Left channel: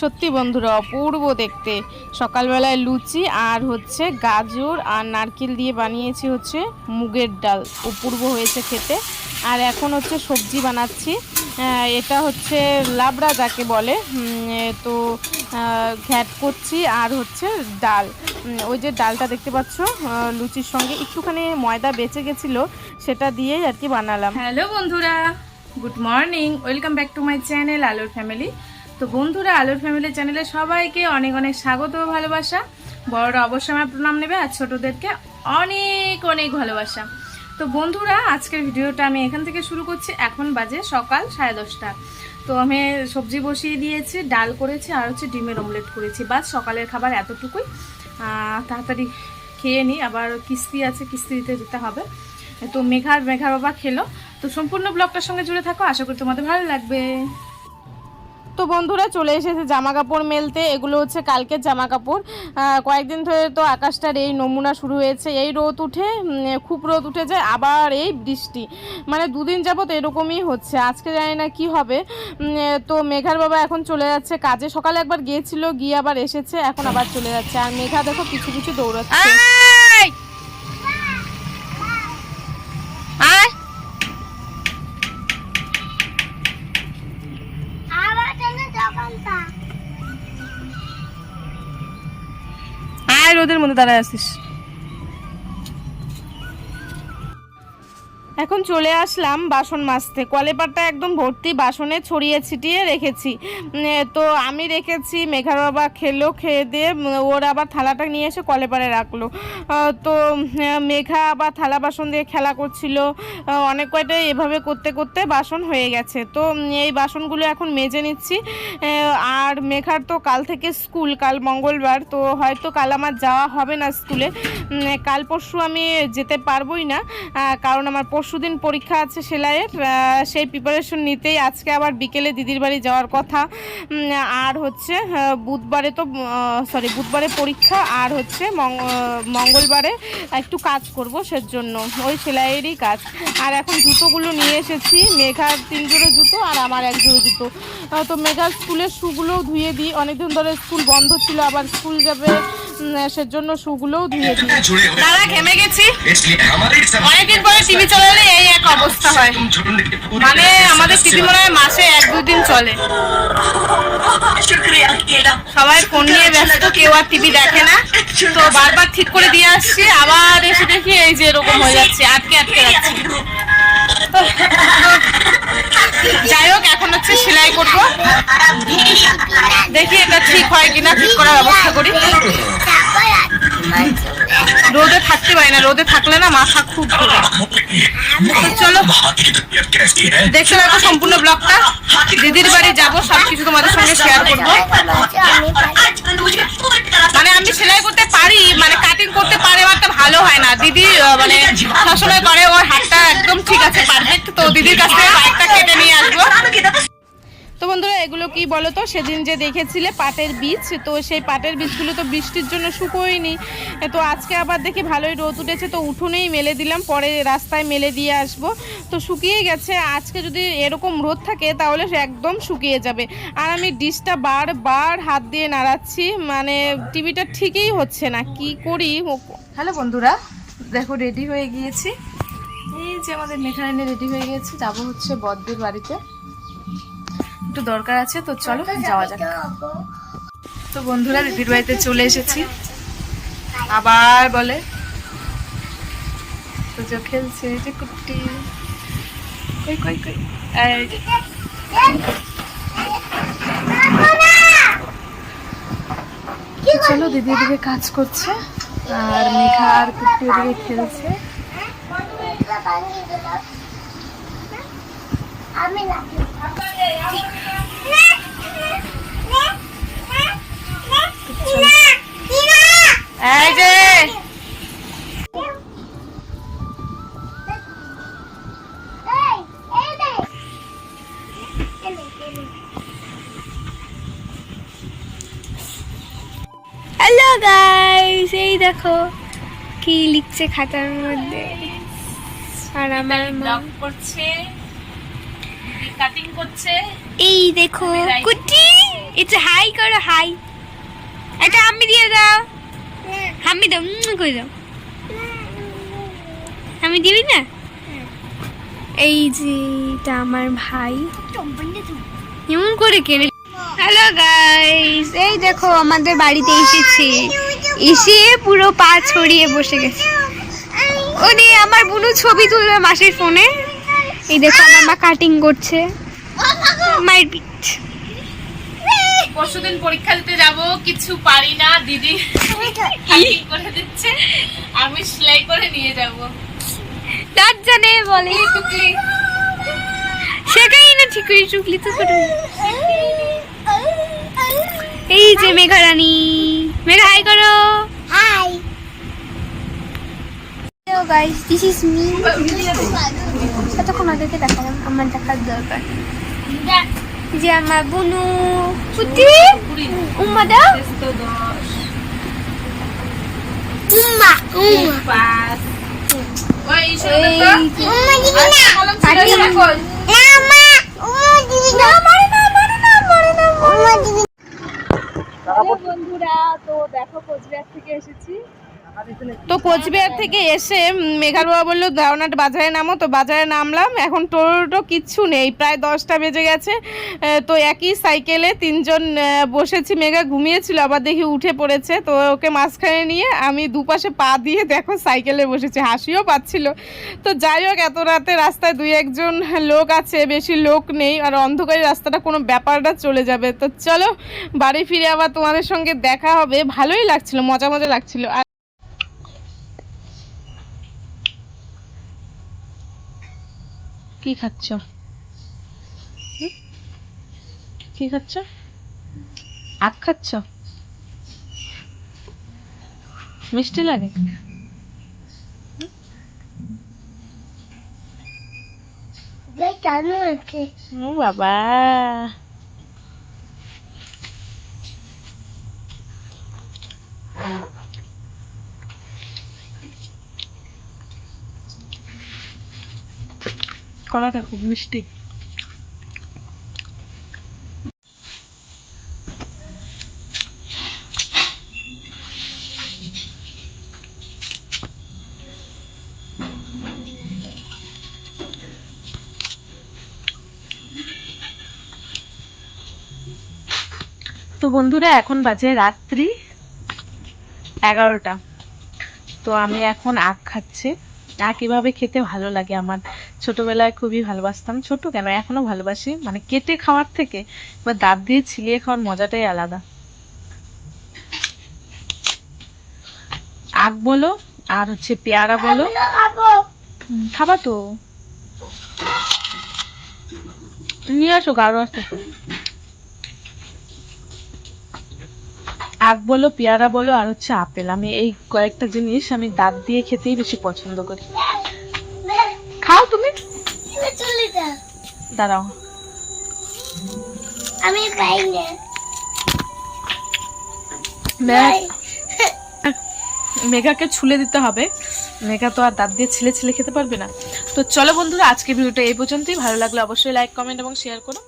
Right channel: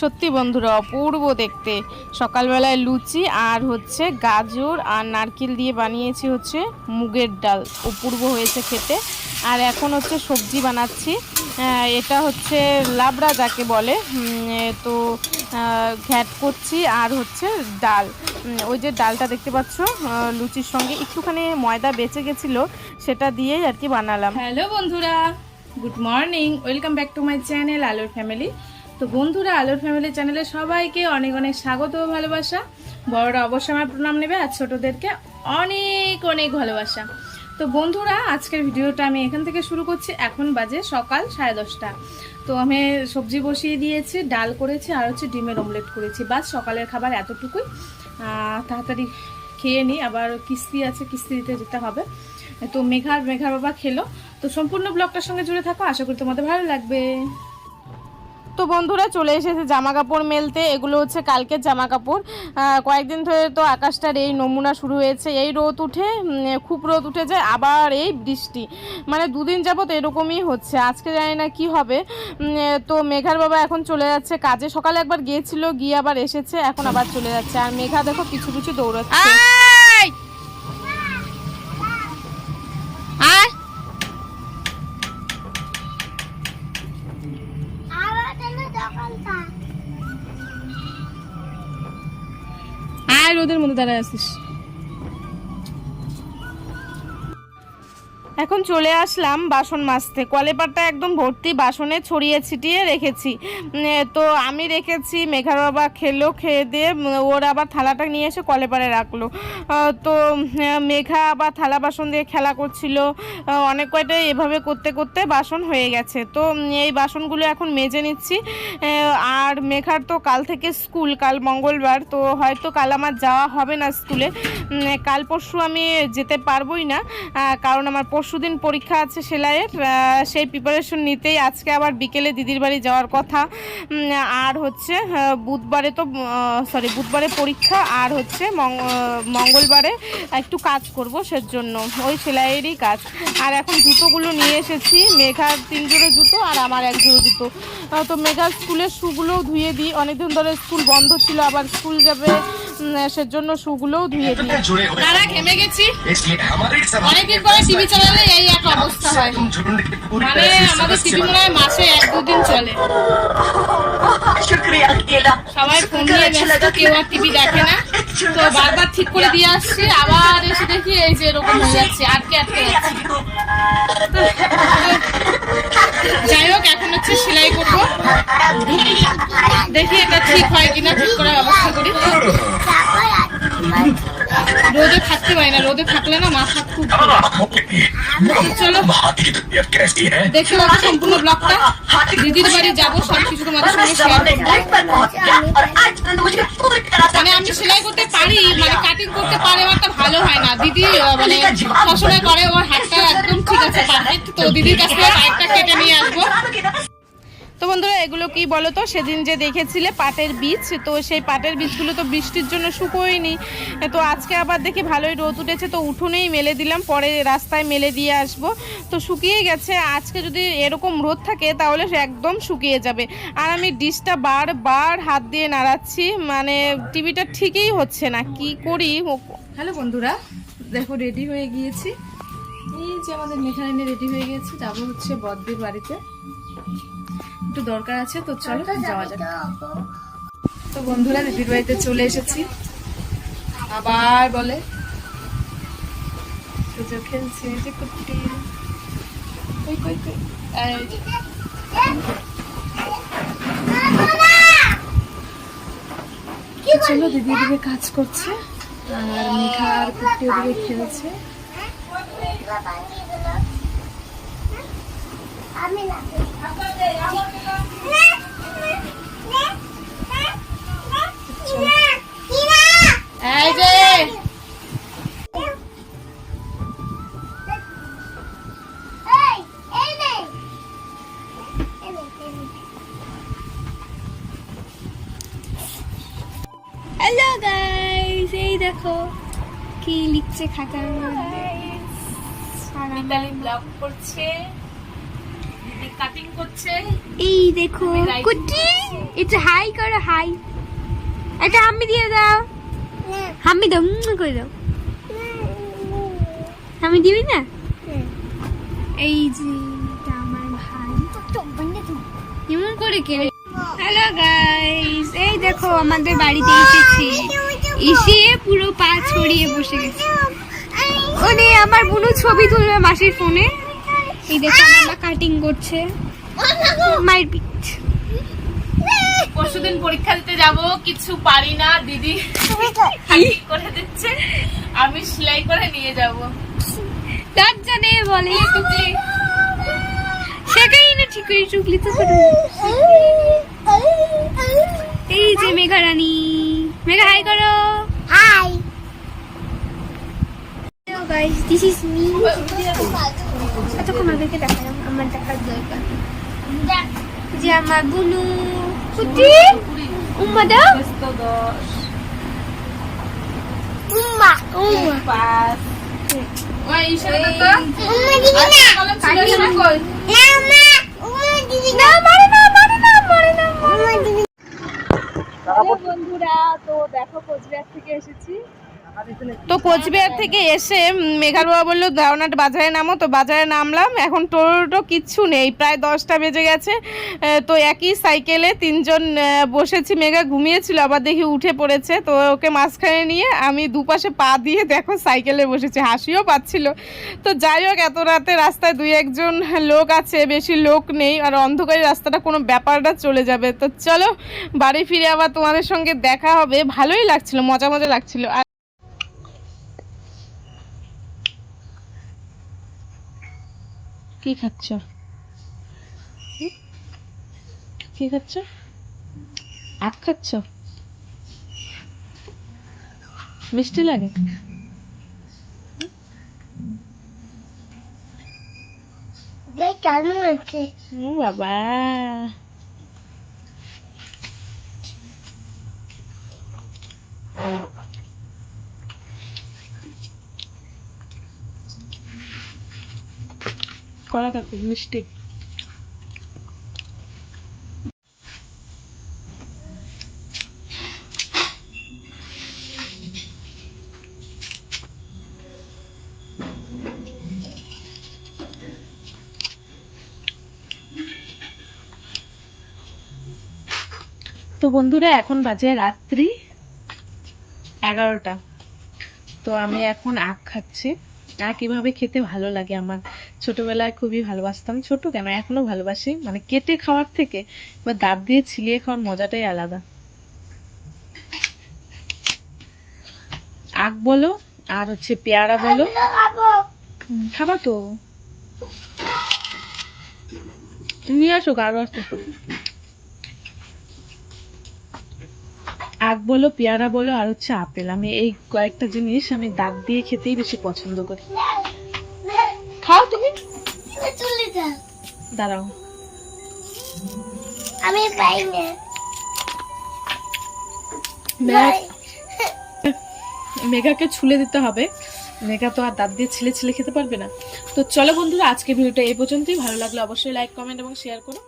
সত্যি বন্ধুরা, অপূর্ব দেখতে। সকালবেলায় লুচি আর হচ্ছে গাজর আর নারকেল দিয়ে বানিয়েছি হচ্ছে মুগের ডাল। অপূর্ব হয়েছে খেতে। আর এখন হচ্ছে সবজি বানাচ্ছি। এটা হচ্ছে লাবড়া যাকে বলে। তো ঘ্যাট করছি আর হচ্ছে ডাল। ওই যে ডালটা দেখতে পাচ্ছ লুচির সঙ্গে। একটুখানি ময়দা বেঁচে গেছিল, সেটা দিয়েই আর কি বানালাম। হ্যালো বন্ধুরা, good morning. Welcome back to my channel আলোর ফ্যামিলি। তো বন্ধুরা, আলোর ফ্যামিলি চ্যানেলে সবাইকে অনেক অনেক স্বাগত ও ভালোবাসা। বড়রা অবশ্যই আমার প্রণাম নেবে, আর ছোটদেরকে অনেক অনেক ভালোবাসা। তো বন্ধুরা, আজকের ভিডিওটা আমি এখান থেকে শুরু করছি। এখন বাজে সকাল সাড়ে দশটা। তো আমি সবজি বসিয়ে দিয়েছি, ডাল করেছি, আর হচ্ছে ডিমের অমলেট করেছি। বাস, সকালের খাবার এতটুকুই। তাড়াতাড়ি খেয়ে নিই আবার কিস্তি আছে, কিস্তি দিতে যেতে হবে। তো মেঘার মেঘার বাবা খেলো। তো সম্পূর্ণ ব্লগটার সঙ্গে জুড়ে থাকো। আশা করি তোমাদের ভালো লাগবে। তো বন্ধুরা চলে এসেছে জামা কাপড় মেলতে। এগুলো হচ্ছে কালকের জামা কাপড় কয়েকদিন ধরে তো আকাশটার এই নমুনা শুরু হয়েছে। এই রোদ উঠে খুব রোদ উঠে যায়, আবার এই বৃষ্টি। মানে দুদিন যাবত এরকমই হচ্ছে। আজকে জানি না কি হবে। তো মেঘার বাবা এখন চলে যাচ্ছে কাজে। সকালে একবার গিয়েছিল, গিয়ে আবার এসেছে, এখন আবার চলে যাচ্ছে। আর মেঘা দেখো কিছু কিছু দৌড়াচ্ছে। দাঁড়ায় আছিস। এখন চলে আসলাম বাসন মাজতে। কলেপারটা একদম ভর্তি, বাসনে ছড়িয়ে ছিটিয়ে রেখেছি। তো আমি রেখেছি মেঘার বাবা খেলো, খেয়ে দিয়ে ওর আবার থালাটা নিয়ে এসে কলেপারে রাখল। তো মেঘা আবার থালা বাসন দিয়ে খেলা করছিল। অনেক কয়টা এভাবে করতে করতে বাসন হয়ে গেছে। তো এই বাসনগুলো এখন মেজে নিচ্ছি। আর মেঘার তো কাল থেকে স্কুল, কাল মঙ্গলবার, তো হয়তো কাল আমার যাওয়া হবে না স্কুলে। কাল পরশু আমি যেতে পারবোই না কারণ আমার পরশু দিন পরীক্ষা আছে সেলাইয়ের সেই প্রিপারেশন নিতেই আজকে আবার বিকেলে দিদির বাড়ি যাওয়ার কথা। আর হচ্ছে বুধবারে তো সরি বুধবারে পরীক্ষা, আর হচ্ছে মঙ্গলবারে একটু কাজ করব সেজন্য। ওই সেলাইয়েরই কাজ। আর এখন জুতোগুলো নিয়ে এসেছি, মেঘার তিন জোড়ো জুতো আর আমার এক জোড়ো জুতো তো মেঘার স্কুলের শুগুলোও ধুয়ে দিই। অনেকদিন ধরে স্কুল বন্ধ ছিল, আবার স্কুল যাবে। সেজন্য শুগুলোও ধুয়ে দিই তারা ঘেমে গেছি। অনেকদিন পরে টিভি চলে এই এক অবস্থা হয়। মানে আমাদের টিভি মনে হয় মাসে এক দুদিন চলে। সবাই ফোন নিয়ে ব্যস্ত কেউ আর টিভি দেখে না। তো বারবার ঠিক করে দিয়ে আসছি আবার এসে দেখি এই যে এরকম হয়ে যাচ্ছে আটকে আটকে যাচ্ছে যাই হোক এখন হচ্ছে সেলাই করব। দেখি এটা ঠিক হয় কিনা ঠিক করার ব্যবস্থা করি। আচ্ছা। রোদে থাকতে পারি না, রোদে থাকলে না মাথা খুব চলো, দেখতে থাকো সম্পূর্ণ ব্লগটা। দিদির বাড়ি যাব, সব কিছু তোমাদের সঙ্গে শেয়ার করব। মানে আমি সেলাই করতে পারি মানে কাটিং করতে পারে একটা ভালো হয় না। দিদি মানে সবসময় করে, ওর হাতটা একদম ঠিক আছে পারফেক্ট তো দিদির কাছ থেকে বাইকটা কেটে নিয়ে আসব। তো বন্ধুরা, এগুলো কি বলো তো সেদিন যে দেখেছিলে পাটের বীজ, তো সেই পাটের বীজগুলো তো বৃষ্টির জন্য শুকোয়নি। তো আজকে আবার দেখি ভালোই রোদ উঠেছে, তো উঠোনেই মেলে দিলাম, পরে রাস্তায় মেলে দিয়ে আসব। তো শুকিয়ে গেছে, আজকে যদি এরকম রোদ থাকে, তাহলে একদম শুকিয়ে যাবে। আর আমি ডিশটা বারবার হাত দিয়ে নাড়াচ্ছি মানে টিভিটা ঠিকই হচ্ছে না, কি করি? হ্যালো বন্ধুরা, দেখো রেডি হয়ে গিয়েছি। এই যে আমাদের মেঘারানি রেডি হয়ে গেছে যাব হচ্ছে বদ্দির বাড়িতে। একটু দরকার আছে, তো চলো যাওয়া যাক। তো বন্ধুরা, দিদির বাড়িতে চলে এসেছি। আবার বলে, পুজো খেলছে যে কুট্টি। কই কই কই? চলো, দিদি এদিকে কাজ করছে, আর মেঘা আর কুট্টি ওদিকে খেলছে। আমি না। এই যে। হ্যালো গাইস এই দেখো কি লিখছে খাতার মধ্যে। আর আমার মা ব্লগ করছে। কাটিং করছে। এই দেখো আমি কুটি এটা হাই করো হাই এটা হাম্মি দিয়ে দাও। হাম্মি দাও করে দাও। আমি দিবি না? এই যে এটা আমার ভাই। এমন করে কেড়ে হ্যালো গাইস এই দেখো আমাদের বাড়িতে এসেছে। এসে পুরো পা ছড়িয়ে বসে গেছে। ওনে আমার বুনু ছবি তুলবে মাসির ফোনে। এই দেখো আমার মা কাটিং করছে। মায়ের পিঠ। পরশুদিন পরীক্ষা দিতে যাব কিছু পারি না দিদি cutting করে দিচ্ছে আমি সেলাই করে নিয়ে যাব। লজ্জা নেই বলে। টুকলি। সেটাই না ঠিক করে চুকলি তো ছোট এই যে মেঘা রানী মেঘা হাই করো hi hello guys this is me এতক্ষণ ওদেরকে দেখালাম আমার দেখার দরকার যে আমার বুনু উম্মা উম্মা বন্ধুরা তো দেখো কোচবিহার থেকে এসেছি তো কোচবিহার থেকে এসে মেঘার বাবা বলল দাওনাট বাজারে নামো। তো বাজারে নামলাম। এখন টোটো কিচ্ছু নেই, প্রায় দশটা বেজে গেছে। তো একই সাইকেলে তিনজন বসেছি। মেঘা ঘুমিয়েছিল, আবার দেখি উঠে পড়েছে। তো ওকে মাঝখানে নিয়ে আমি দুপাশে পা দিয়ে দেখো সাইকেলে বসেছি, হাসিও পাচ্ছিল। তো যাই হোক, এত রাতে রাস্তায় দুই একজন লোক আছে, বেশি লোক নেই, আর অন্ধকারী রাস্তাটা কোনো ব্যাপারটা চলে যাবে। তো চলো, বাড়ি ফিরে আবার তোমাদের সঙ্গে দেখা হবে। ভালোই লাগছিল, মজা মজা লাগছিল। কি খাচ্ছ? কি খাচ্ছ? আখ খাচ্ছ? মিষ্টি লাগে? কেন আছে ও বাবা কলাটা খুব মিষ্টি। তো বন্ধুরা, এখন বাজে রাত্রি এগারোটা। তো আমি এখন আখ খাচ্ছি। আখ এভাবে খেতে ভালো লাগে আমার। ছোটবেলায় খুবই ভালোবাসতাম। ছোট কেন? এখনও ভালোবাসি। মানে কেটে খাওয়ার থেকে বা দাঁত দিয়ে ছিলিয়ে খাওয়ার মজাটাই আলাদা। আখ বলো, আর হচ্ছে পেয়ারা বলো। খাবা তো। নিয়ে আসো, গাঢ় আছে। আখ বলো, পেয়ারা বলো, আর হচ্ছে আপেল। আমি এই কয়েকটা জিনিস আমি দাঁত দিয়ে খেতেই বেশি পছন্দ করি। দাঁড়াও। আমি পাই না। মেঘাকে ছুলে দিতে হবে। মেঘা তো আর দাঁত দিয়ে ছিলে ছিলে খেতে পারবে না। তো চলো বন্ধুরা আজকে ভিডিওটা এই পর্যন্তই। ভালো লাগলে অবশ্যই লাইক কমেন্ট এবং শেয়ার করো।